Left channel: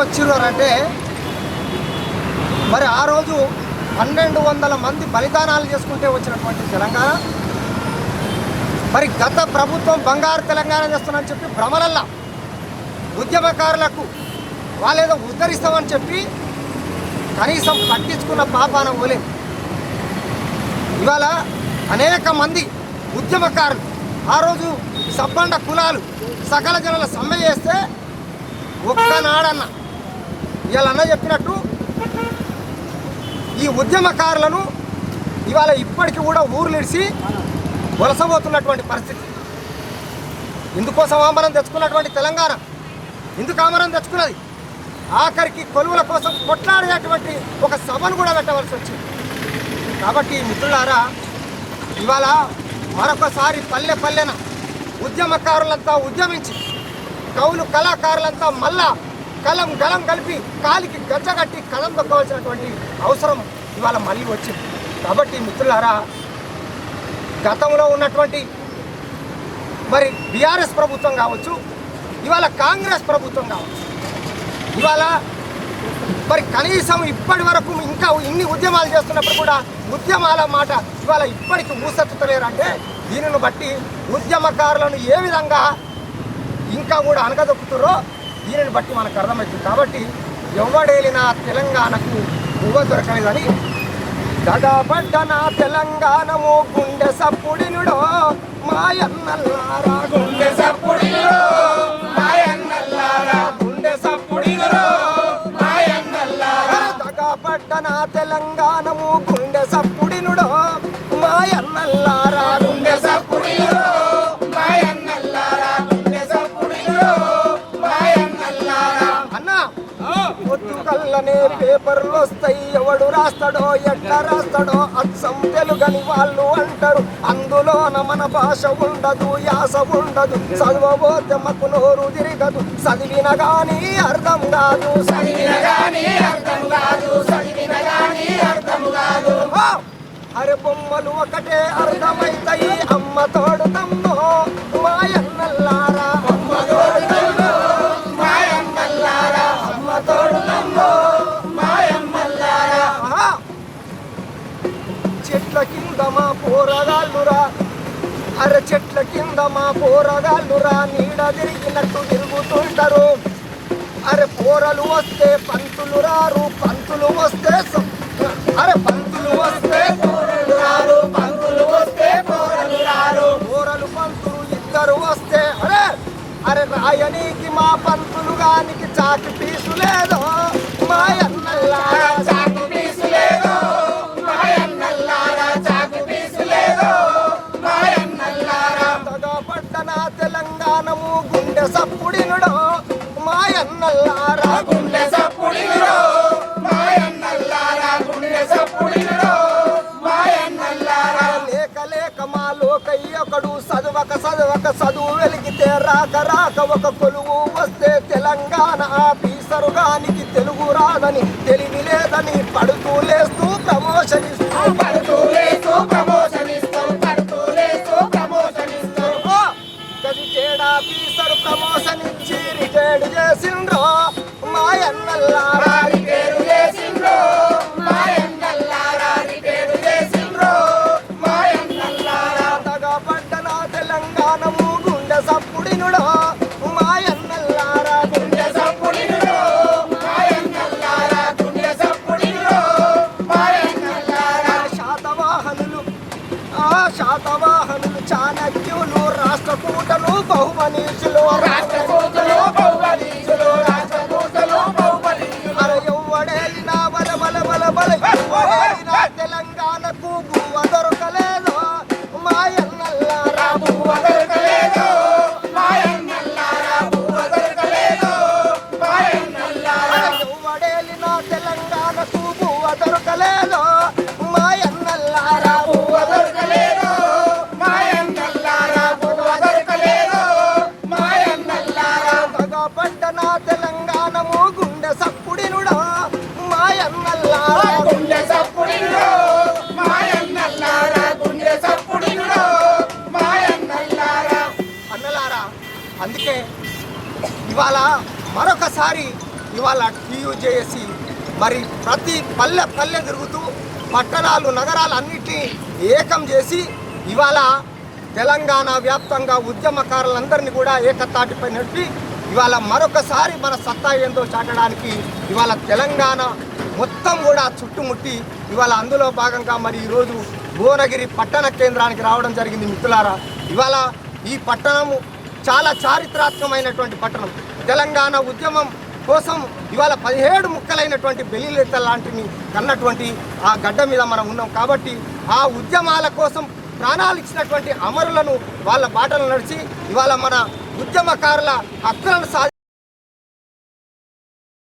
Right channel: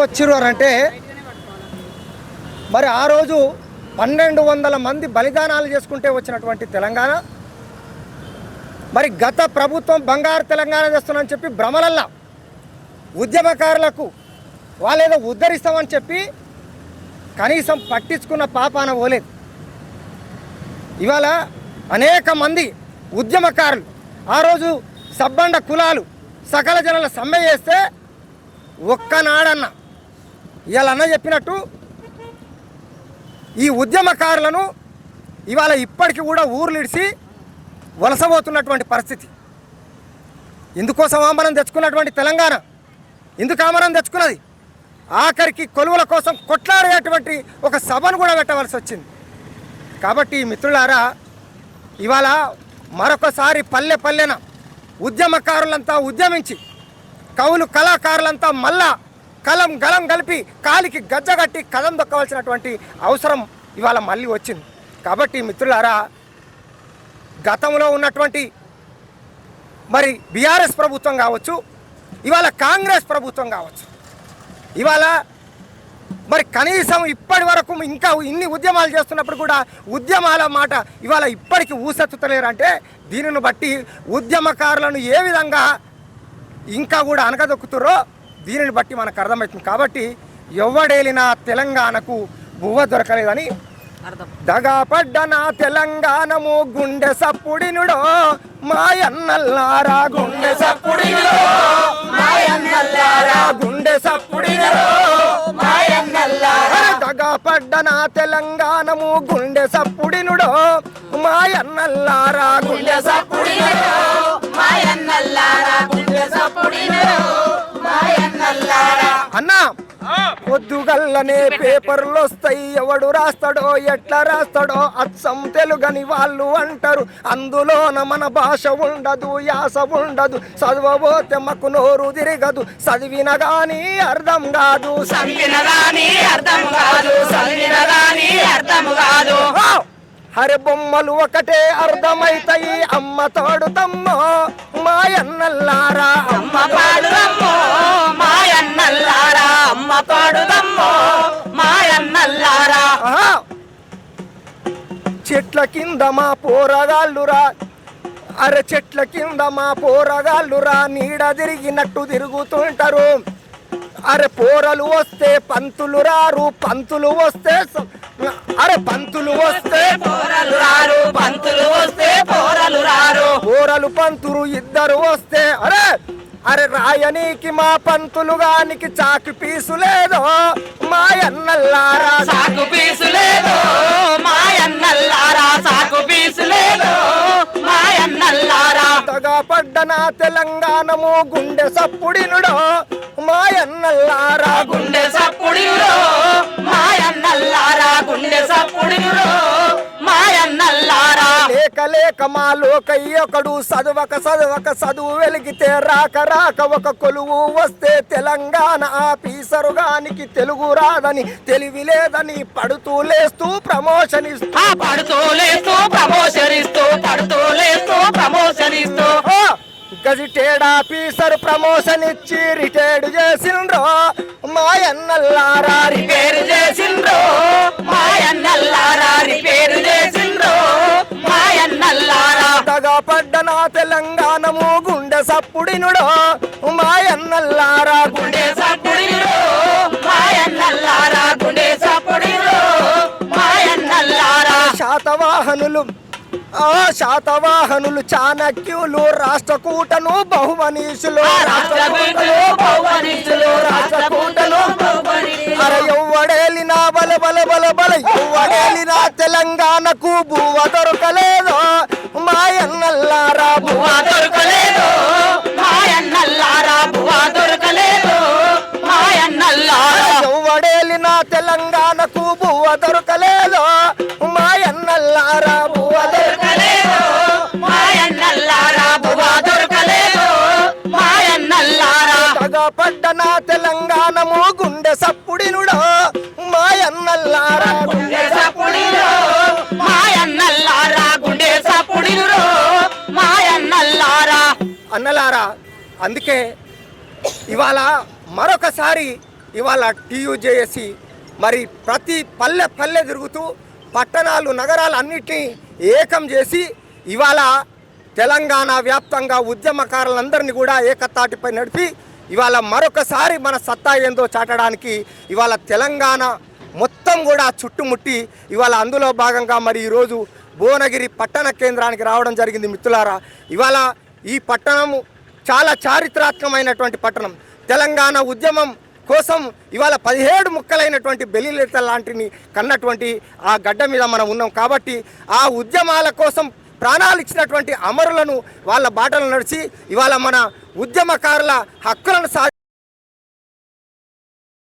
వచ్చినారంటే మరి ఆ రోజు పన్నెండు వందల మంది బలిదానాలు చేసుకుంటే వచ్చినటువంటి తెలంగాణ. మరి గత ప్రభుత్వం బంగారు తెలంగాణ చేస్తున్నామని చెప్పి భ్రమలల్లా ఉద్యమకారులకు వాళ్ళేదో ఉద్ధరిస్తామని చెప్పి కనీసం పట్టించుకున్న పాపాన పోలేదు. ఇవాళ అనేక మంది ఉద్యమకారులు ఆ రోజు సబ్బండ కులాలు సకల జనుల సమ్మె చేస్తే ఒక్కనాడన్నా ఇవాళ అన్న చెప్పినట్టు ఈ ఉద్యమకారులను ఇవాళ ఇప్పటికి కూడా ఊరు నిడిచి వలసపోతున్నటువంటి పరిస్థితి. ఇందుకోసం ఆమరం తెచ్చుకున్నటువంటి తెలంగాణ? ఇందుకు ఆమరం తెచ్చుకున్నది? ఆఖరికి కొలువుల కోసం కొట్లాడినటువంటి ఒక సభను కూడా పెట్టవలసి వచ్చింది. కాబట్టి మిత్రులారా ఇవాళ మరొకసారి పల్లె పల్లెన ఉద్యమకారులంతా ఉద్యమించి కవులు కళాకారులంతా మళ్ళా కలం గలం కలిపి కాలికి గజ్జగట్టి కలం దొక్కవలసినటువంటి అవసరం ఇవాళ మళ్ళీ వచ్చింది. కాబట్టి మిత్రులారా గతంలో ఉన్నటువంటి మరి బీఆర్ఎస్ ప్రభుత్వం కావచ్చు ఇవాళ కాంగ్రెస్ ప్రభుత్వం కావచ్చు ఇవాళ మరి కనీసం ఇప్పటి వరకు ఇంకా ఇన్ని ఉద్యమాలు చేస్తున్నప్పుడు కూడా ఉద్యమాల మాట ఇవాళ ఇప్పటికి మూసెత్తుతలేరంటే దీనిని బట్టి ఉద్యమకారులను ఏ విధంగా ఇంకా కూడా అనగదొక్కుతారో దీనిని బట్టి మనకు అర్థమవుతుంది. కాబట్టి ఎవడేలినా తెలంగాణకు పువ్వ దొరకలేదని దడబడ్డ నా తెలంగాణము గుండె సప్పుడినుడో మాయన్నల్లారా గుండె సప్పుడినుడో మాయన్నల్లారా గుండె సప్పుడినుడో మాయన్నల్లారా దగపడ్డ నా తెలంగాణము గుండె సప్పుడినుడో మాయన్నల్లారా పొద్దుగల్లనే పేపర్లు వస్తాయి. ఎవడు రాస్తాడో ఎట్లా రాస్తాడో అచ్చం తెలుగని వాళ్ళు అంటారు. అందులోన మన భాష ఉండదు యాస ఉండదు. చదవబోతే మాకు నోరు తిరగదు. చదివిన గాని అర్థం కాదు. చదివిన గాని అర్థం కాదు. చదివిన గాని అర్థం కాదు. అరే బొమ్మలు ఒకటే అర్థమైతాయి. అమ్మ తోడు తమ్మో చెట్ల కింద మా పోరగాళ్ళురా. అరే చెట్ల కింద మా పోరగాళ్ళురా. నీడ తిరిగినట్టు తిరుగుతుంటారు. అరే పోరలు వస్తే పంతులు రారు పంతులు వస్తే అరే పంతులు వస్తే పోరలు రారు పంతులు వస్తే పోరలు రారు. పోరలు పంతులు ఇద్దరు వస్తే అరే అరే రాయనీకి మా పంతులు గానికి చాకి పీసు లేదో. మాయన్నల్లారా పడ్డన తెలంగాణము? గుండె సప్పుడినుడో మాయన్నల్లారా? గుండె సప్పుడిలో మాయన్నల్లారా? గుండె సప్పుడిలో మాయన్నల్లారా? లేక లేక మా లోకయ్యొకడు చదవక చదవక చదువు వెలిగితే రాక రాక ఒక కొలువు వస్తే తెలంగాణ ఆఫీసరుగానికి తెలుగు రాదని తెలివి లేదని పడుతూ లేస్తూ ప్రమోషన్ ఇస్తూ. ఆఫీసర్ ప్రమోషన్ ఇచ్చి రిటైర్డ్ చేసిండ్రో మాయన్నల్లారా రిపేరు చేసిండ్రో. మాయన్నల్లారా రిపేరు చేసిండ్రో. మాయన్నల్లారా. కొత్తగా పడ్డన తెలంగాణము గుండె సప్పుడినుడో మాయన్నల్లారా గుండె సప్పుడిలో మాయన్నల్లారా గుండె సప్పుడిలో మాయన్నల్లారా. శాతవాహనులు ఆ శాతవాహనులు చాణక్యులు రాష్ట్రకూటలు బహుమనీషులు రాష్ట్రకూటలు బహుమనీషులు అర ఎవ్వడేలిన బల బల బల బల ఎవ్వడేలిన తెలంగాణకు భూవ దొరకలేదు. అందుకే ఇవాళ మరొకసారి ఇవాళ టీయూ చేసి మరి ప్రతి పల్లె పల్లె తిరుగుతూ పట్టణాలు నగరాలు అన్నిటినీ ఏకం చేసి ఇవాళ తెలంగాణ వ్యాప్తంగా ఉద్యమకారులందరినీ కూడా ఏకతాటిపై నడిపి ఇవాళ మరొకసారి మన సత్తా ఏందో చాటడానికి ఇవాళ తెలంగాణ మొత్తం కూడా చుట్టుముట్టి ఇవాళ అందులో భాగంగా మరి ఈరోజు భువనగిరి పట్టణ కేంద్రానికి రావడం జరిగింది మిత్రులారా. ఇవాళ ఈ పట్టణం చాలా చారిత్రాత్మకమైనటువంటి పట్టణం. తెలంగాణ ఉద్యమం కోసం ఇవాళ పదిహేడు ముక్కలైనటువంటి బెలిలేత లాంటిని కన్నటువంటి ఆ గడ్డ మీద మనం ఉన్నాం. కాబట్టి ఆ ఉద్యమాల కోసం ప్రాణాలు ఇచ్చినటువంటి అమరులను వాళ్ళ బాటలు నడిచి ఇవాళ మన ఉద్యమకారుల హక్కులను సా